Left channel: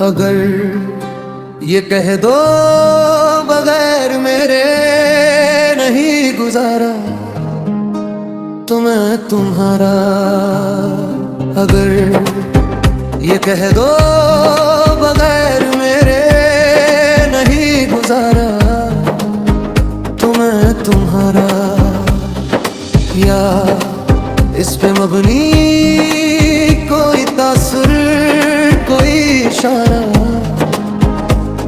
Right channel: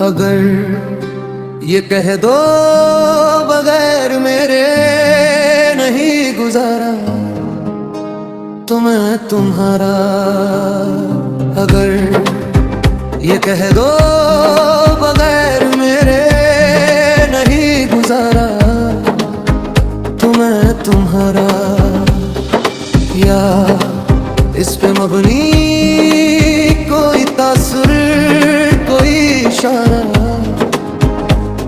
अगर ये कह दो बगैर मेरे नहीं गुजारा तो मैं तुम्हारा। अगर ये कह दो बगैर मेरे नहीं गुजारा तो मैं तुम्हारा। या इस पे मबनी कोई तासुर कोई इशारा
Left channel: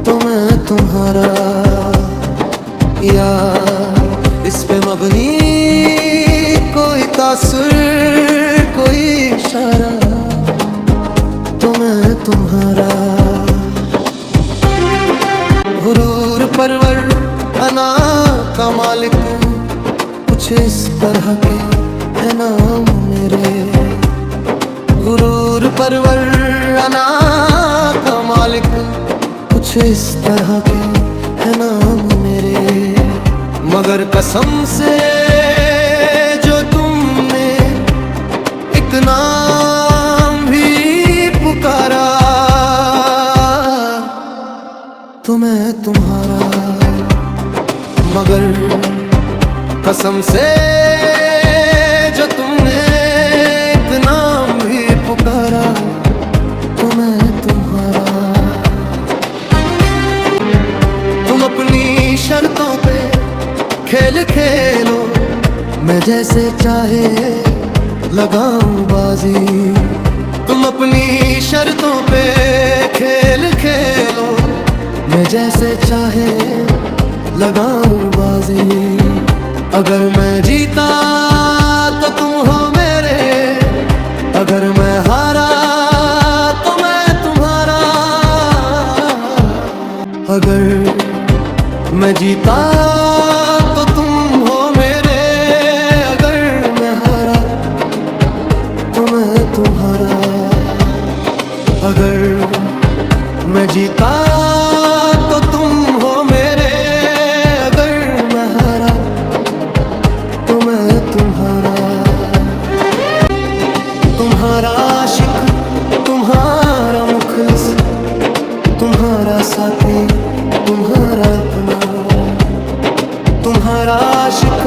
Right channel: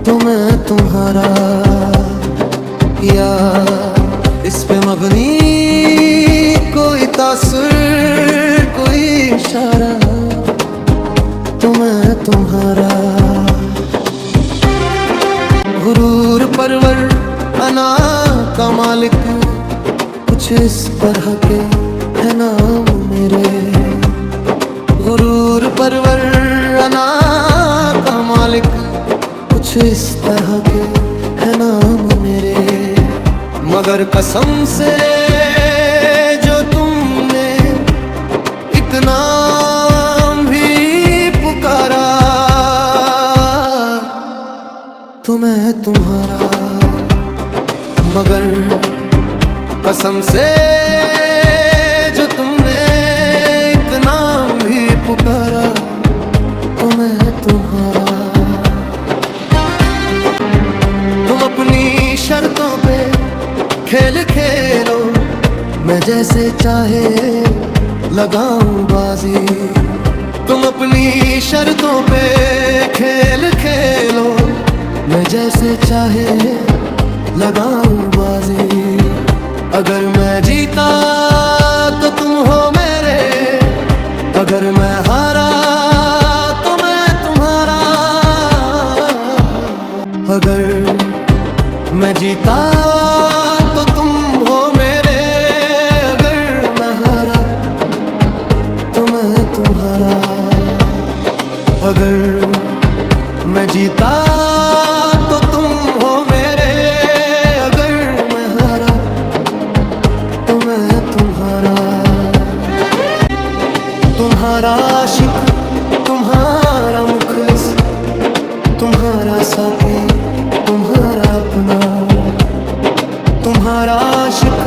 तो मैं तुम्हारा। या इस पे मबनी कोई तासुर कोई इशारा तो मैं तुम्हारा। गुरूर परवर अना का मालिक कुछ इस तरह के है नाम मेरे। गुरूर परवर अना का मालिक कुछ इस तरह के है नाम मेरे। मगर कसम से जो तुमने एक नाम भी पुकारा तो मैं तुम्हारा। मगर कसम से जो तुमने एक नाम भी पुकारा तो मैं तुम्हारा। तुम अपनी शर्तों पे खेल खेलो मैं जैसे चाहे लगाऊं बाजी। तुम अपनी शर्तों पे खेल खेलो मैं जैसे चाहे लगाऊं बाजी। अगर मैं जीता तो तुम हो मेरे, अगर मैं हारा तो मैं तुम्हारा। अगर मैं जीता तो तुम हो मेरे, अगर मैं हारा तो मैं तुम्हारा। अगर मैं जीता तो तुम हो मेरे, अगर मैं हारा तो मैं तुम्हारा। तुम्हारा आशिक तुम्हारा मुखलिस, तुम्हारा साथी तुम्हारा अपना। तुम्हारा आशिक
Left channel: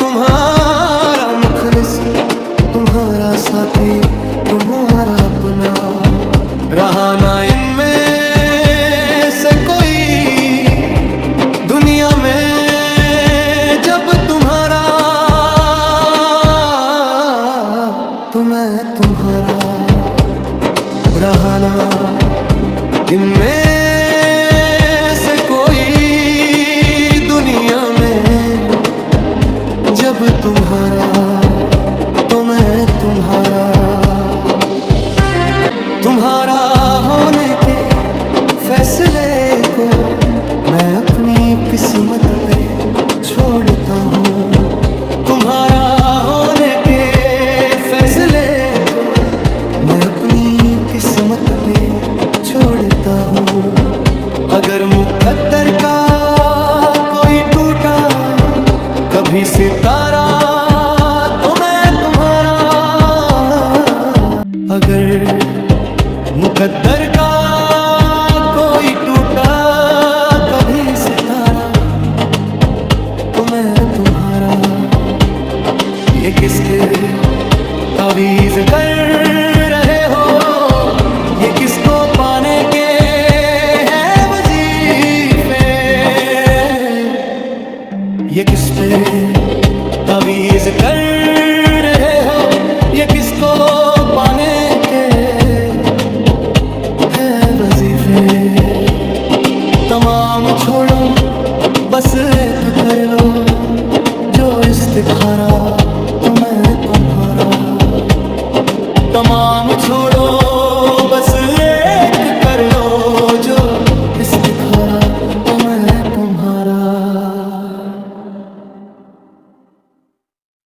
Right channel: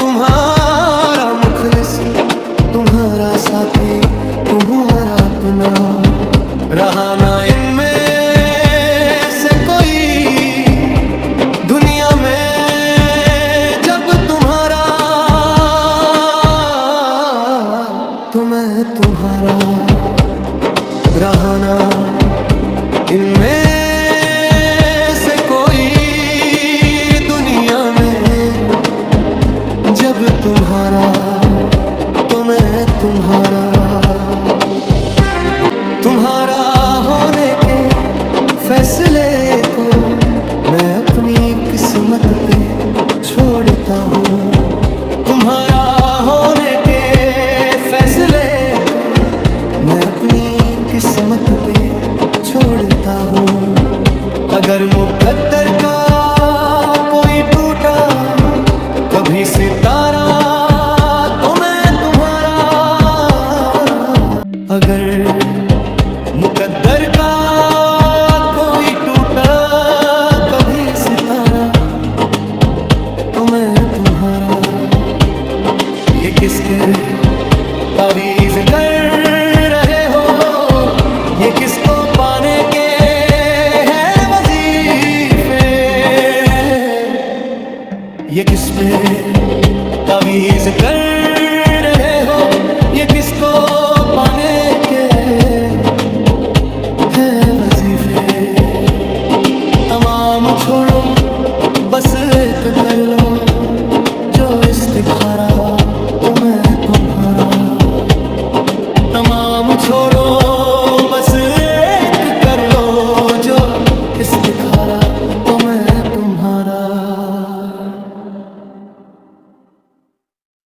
तुम्हारा मुखलिस, तुम्हारा साथी तुम्हारा अपना। रहा ना इनमें से कोई दुनिया में जब तुम्हारा, तो मैं तुम्हारा। रहा ना इनमें से कोई दुनिया में जब तुम्हारा, तो मैं तुम्हारा। तुम्हारा होने के फैसले को मैं अपनी किस्मत पे छोड़ता हूँ। तुम्हारा होने के फैसले को मैं अपनी किस्मत पे छोड़ता हूँ। अगर मुकद्दर का कोई टूटा कभी सितारा, तो मैं तुम्हारा। अगर मुकद्दर का कोई टूटा कभी सितारा, तो मैं तुम्हारा। ये किसके तावीज़ कर रहे हो, ये किसको पाने के हैं वजीफे। ये किस पे तावीज़ कर रहे हो, ये किसको पाने के हैं वजीफे। तमाम छोड़ो बस एक कर लो जो इस्तिखारा, तो मैं तुम्हारा। तमाम छोड़ो बस एक कर लो जो इस्तिखारा, तो मैं तुम्हारा।